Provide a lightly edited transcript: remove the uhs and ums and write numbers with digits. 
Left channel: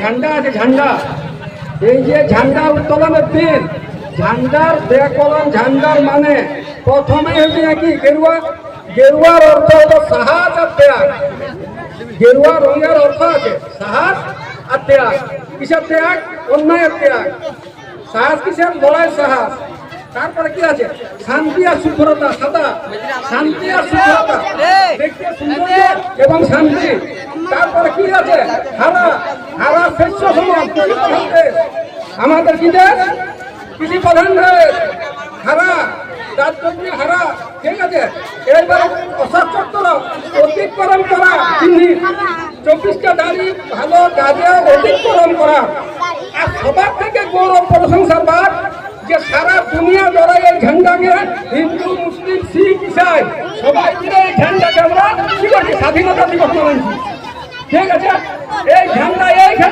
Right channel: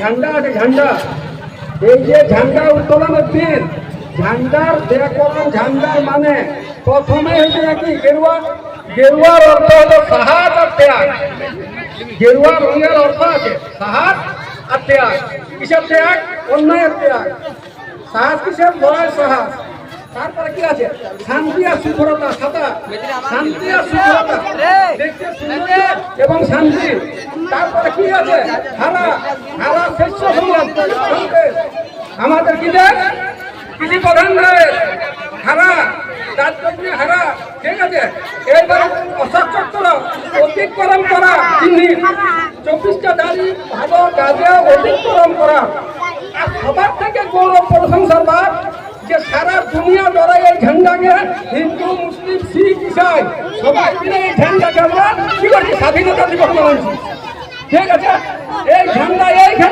ঝান্ডা আছে ঝান্ডা, এই যে ঝান্ডা উত্তোলনের দিন ঝান্ডার কলম ঝান্ডার মানে প্রথমে হচ্ছে কি গেরুয়া, গেরুয়ার অর্থ হলো সাহস আর ত্যাগ। গেরুয়া রঙের অর্থ আছে সাহস আর ত্যাগ। কিসের ত্যাগ? অন্যায়ের ত্যাগ। সাহস কিসের? লড়াই সাহস। তারপরে কি আছে? শান্তি আর শুভ্রতা, সাদা শান্তি আর শুভ্রতা, দেখতে সুন্দর এবং শান্তি। তারপরে কি আছে? হারা, হারা শস্য সমান। আমাদের কি দেশ? কৃষি প্রধান দেশ। হারা, তার জন্য হারা, ঠিক আছে। এইবার অশোক চক্র অতিক্রম করা, 24টা দাড়ি ভালো কাজে অতিক্রম করা। আর সবার থেকে গৌরব প্রশংসার বাদ যে সারা দুনিয়া যারা এই ঝান্ডাকে হিন্দু মুসলিম শিখ ইসাই সবাই মিলে এই ঝান্ডাকে আমরা কি করছি? স্বাধীনতা দিবস মানছি, ঠিক আছে। এই ঝান্ডা